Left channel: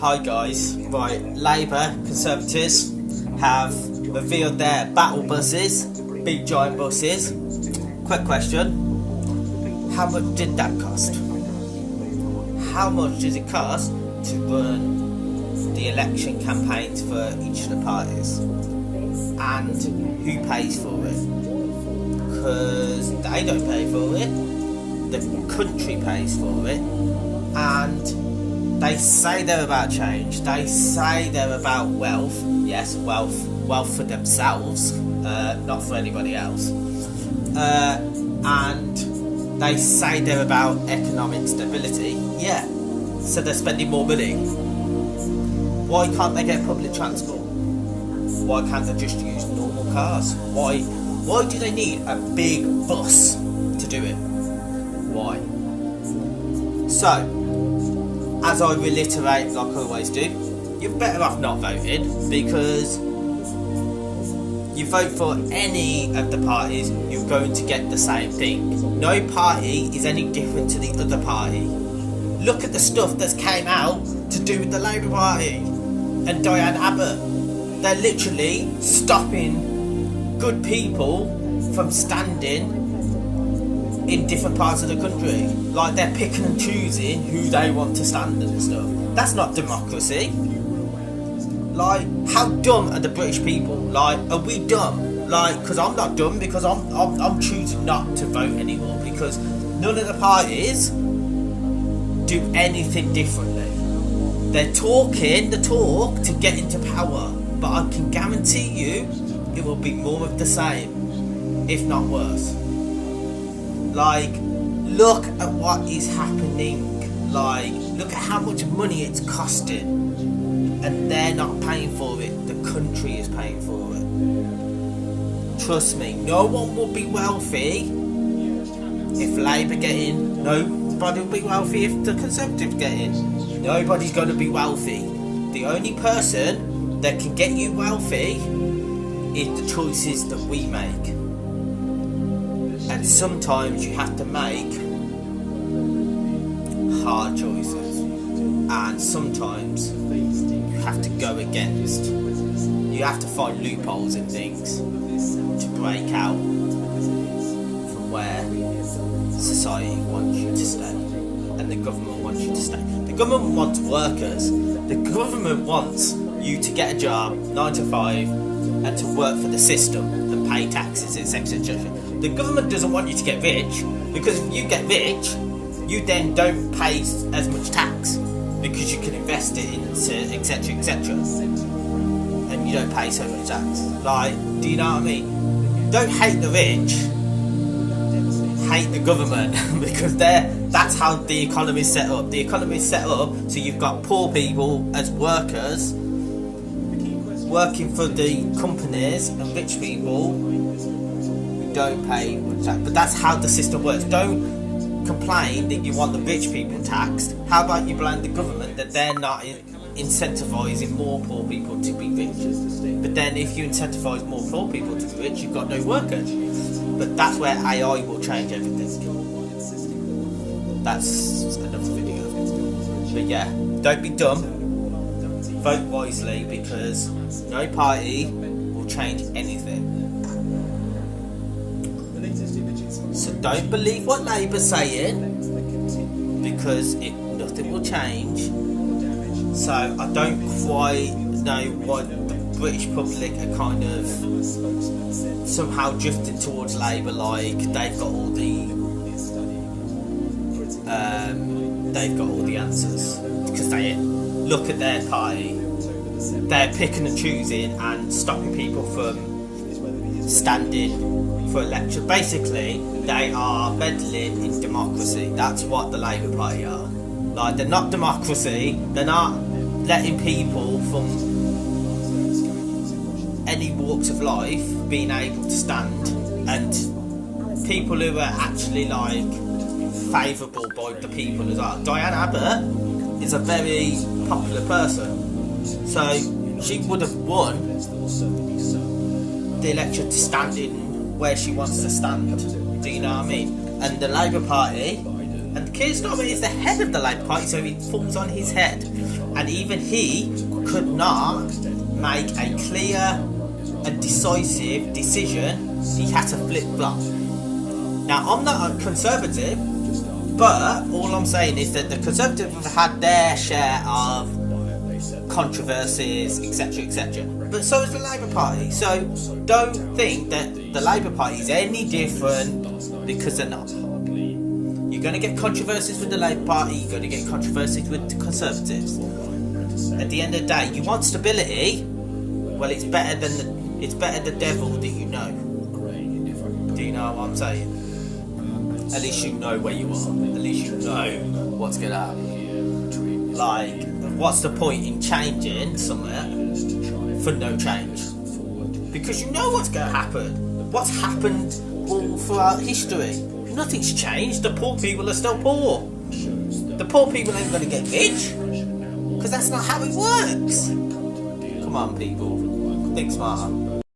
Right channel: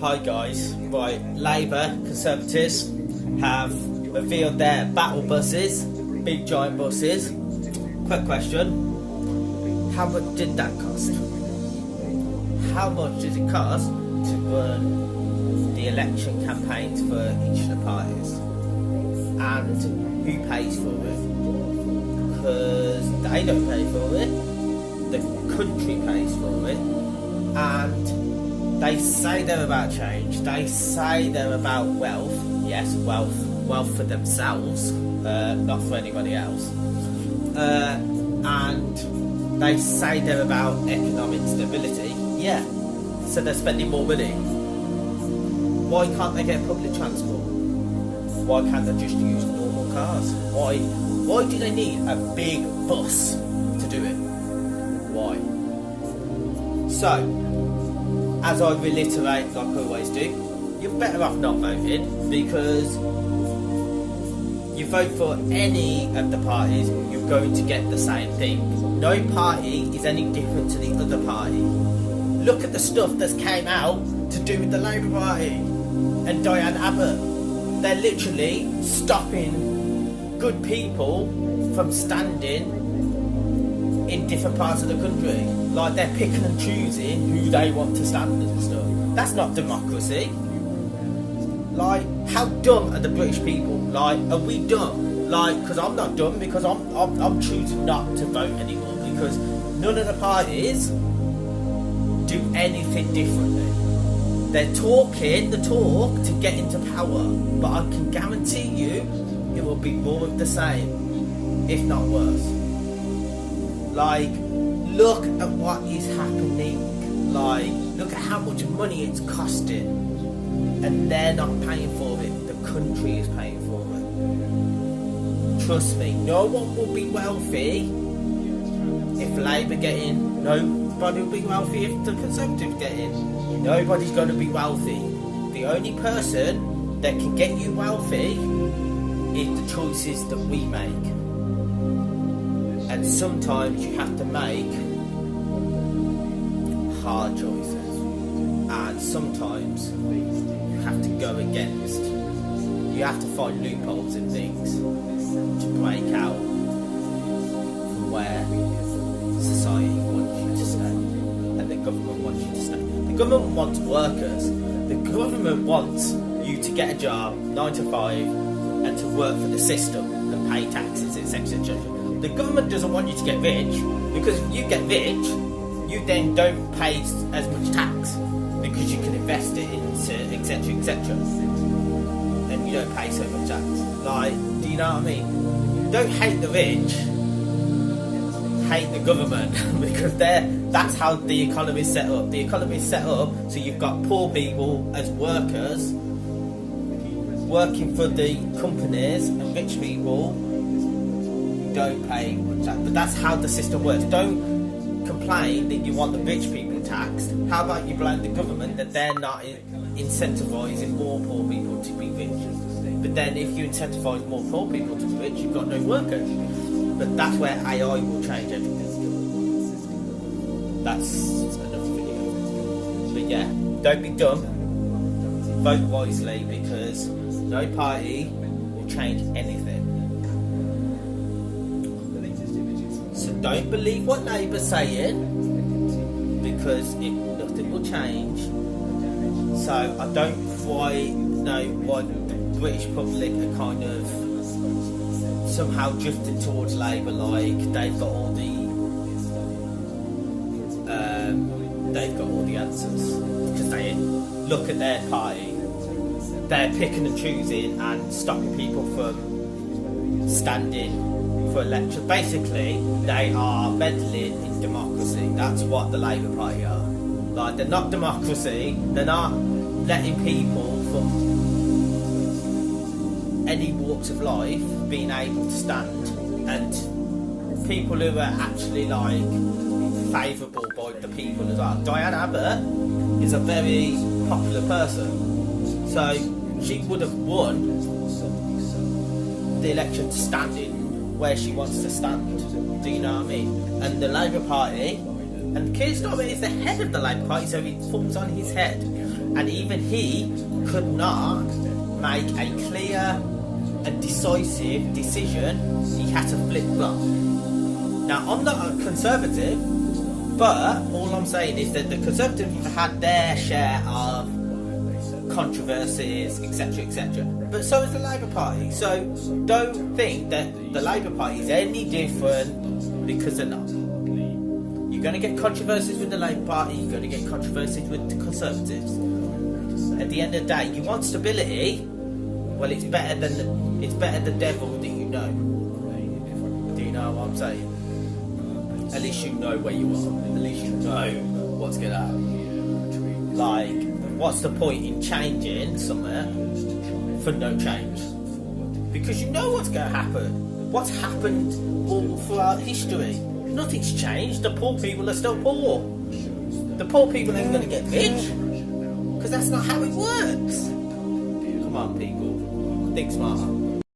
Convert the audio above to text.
Hi guys, right, Labour Conservatives have revealed their battle buses, big giant buses. Quick question, how much did that cost? How much does it cost to run the election campaigns for each of the parties? And who pays for it? Because they don't pay for it, the country pays for it, and they say they're about change, they say they're about wealth, yes, wealth for themselves, not for anybody else, and they say they're about economic stability, yeah, so they're spending more money. Why can't they get public transport? Why can't they just use normal cars? Why do they need a big bus to do it? Why? So, as I reiterate, like I always do, you're better off not voting, because you vote for any of the parties, you're going to get the same thing. No party is any different to the other party. Look at the stuff that's came out to do with the Labour Party and Diane Abbott. They're literally stopping good people from standing in different parts of the country. Like, they're picking and choosing who they want to stand and stuff. That's not democracy. Like, how dumb are the British people? Like, are we dumb? Like, because I'm not dumb, because I'm choosing not to vote anymore, because none of the parties do anything differently. They're talking the talk to get into power, but I can guarantee you it will be more of the same, if not worse. Like, look at what is happening. Like, look at how much money it's costing, and they're not paying for it, the country is paying for it. Trust me, no one will be wealthy if Labour get in. Nobody will be wealthy if the Conservatives get in. Nobody's going to be wealthy. The only person that can get you wealthy is the choices that we make. And sometimes you have to make hard choices, and sometimes you have to go against. You have to find loopholes in things to break out from where society wants you to stay, and the government wants you to stay. The government wants workers. The government wants you to get a job, 9 to 5, and to work for the system and pay taxes, etc., etc. The government doesn't want you to get rich, because if you get rich, you then don't pay as much tax, because you can invest it into etc., etc., and you don't pay so much tax. Like, do you know what I mean? Don't hate the rich, hate the government, because that's how the economy is set up. The economy is set up so you've got poor people as workers working for the companies, and rich people don't pay much tax. But that's how the system works. Don't complain that you want the rich people taxed. How about you blame the government that they're not incentivising more poor people to be rich? But then if you incentivise more poor people to be rich, you've got no workers. But that's where AI will change everything. That's another video. But yeah, don't be dumb. Vote wisely, because no party will change anything. So don't believe what Labour's saying, because nothing will change. So I don't quite know why the British public are kind of somehow drifting towards Labour, like they've got all the answers. Because they look at their party, they're picking and choosing and stopping people from standing for election. Basically, they are meddling in democracy. That's what the Labour Party are. Like, they're not democracy. They're not letting people from any walks of life being able to stand, and people who are actually like favourable by the people as well. Diane Abbott is a very popular person, so she would have won the election to stand in where she wants to stand. Do you know what I mean? And the Labour Party, and Keir Starmer is the head of the Labour Party, so it falls on his head. And even he could not make a clear and decisive decision. He had to flip flop. Now, I'm not a conservative, but all I'm saying is that the Conservatives have had their share of controversies, etc., etc. But so is the Labour Party. So don't think that the Labour Party is any different, because they're not. You're going to get controversies with the Labour Party, you're going to get controversies with the Conservatives. At the end of the day, you want stability. Well, it's better the devil that you know. Do you know what I'm saying? At least you know where you are. At least you know what's going to happen. Like, what's the point in changing something for no change? Because you know what's going to happen. What's happened all throughout history? Nothing's changed. The poor people are still poor. The poor people ain't going to get rich. Because that's not how it works. Come on, people. Think smarter.